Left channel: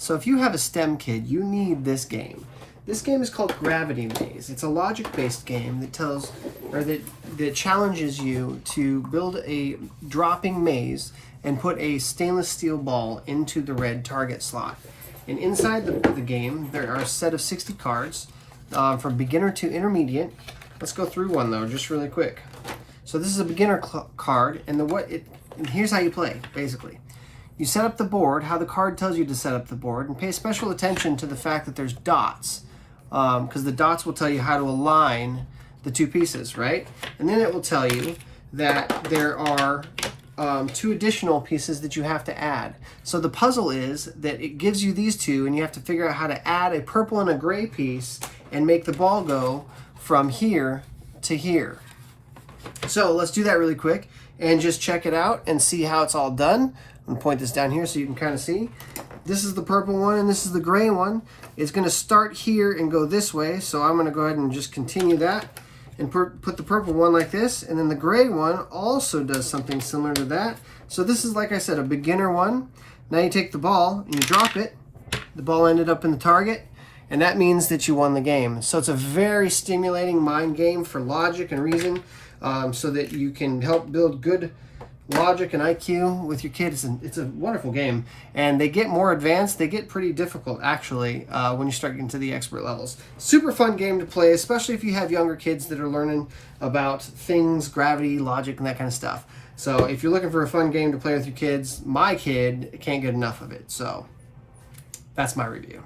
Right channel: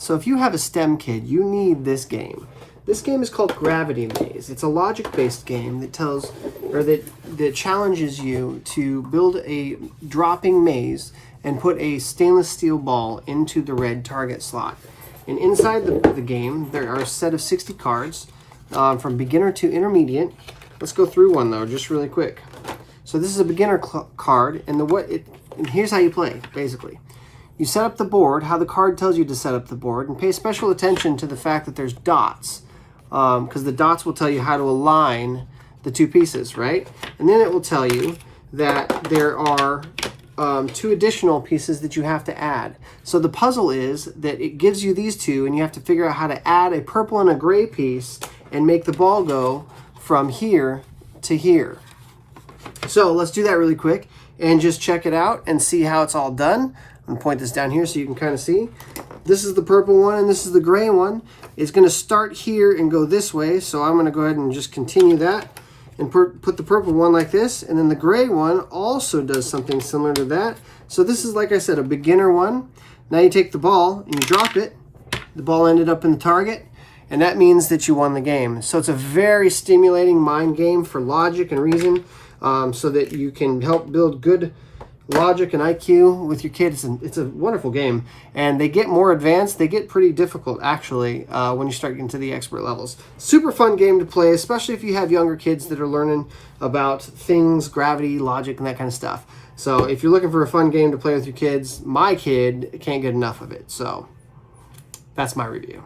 So if you have a STEM kid, you need this game. This game is called Gravity Maze. It's a logic-based game that that challenges you to build a dropping maze and put a stainless steel ball into the red target slot. And inside the game, there are a set of 60 cards from beginner to intermediate. Let's go through one though, just really quick. So this is a beginner card, and here's how you play, basically. You set up the board, how the card tells you to set up the board, and pay special attention to the fact that there's dots, because the dots will tell you how to align the two pieces, right? And then it will tell you that there are 2 additional pieces that you have to add. So the puzzle is that it gives you these 2, and you have to figure out how to add a purple and a gray piece and make the ball go from here to here. So let's do that really quick and just check it out and see how it's all done. I'm gonna point this down here so you can kind of see. This is the purple one and this is the gray one. It's gonna start here and go this way. So I'm gonna go ahead and just continue that and put the purple one like this. And then the gray one also does something similar to that. So this is, like I said, a beginner one. Now you take the ball and you drop it. The ball ended up in the target, and that means that you won the game. So it's a very stimulating mind game for logic and reason, so that you can help build good logic and IQ with your kids. And it's a wonderful game, and they get more advanced. They get pretty difficult actually when you start getting to the expert levels. Super fun game to play, especially if you have younger kids that are learning about things, gravity, logic, and that kind of stuff. So if you're looking for a fun game to play with your kids, my kid can't get enough of it. So that's my review.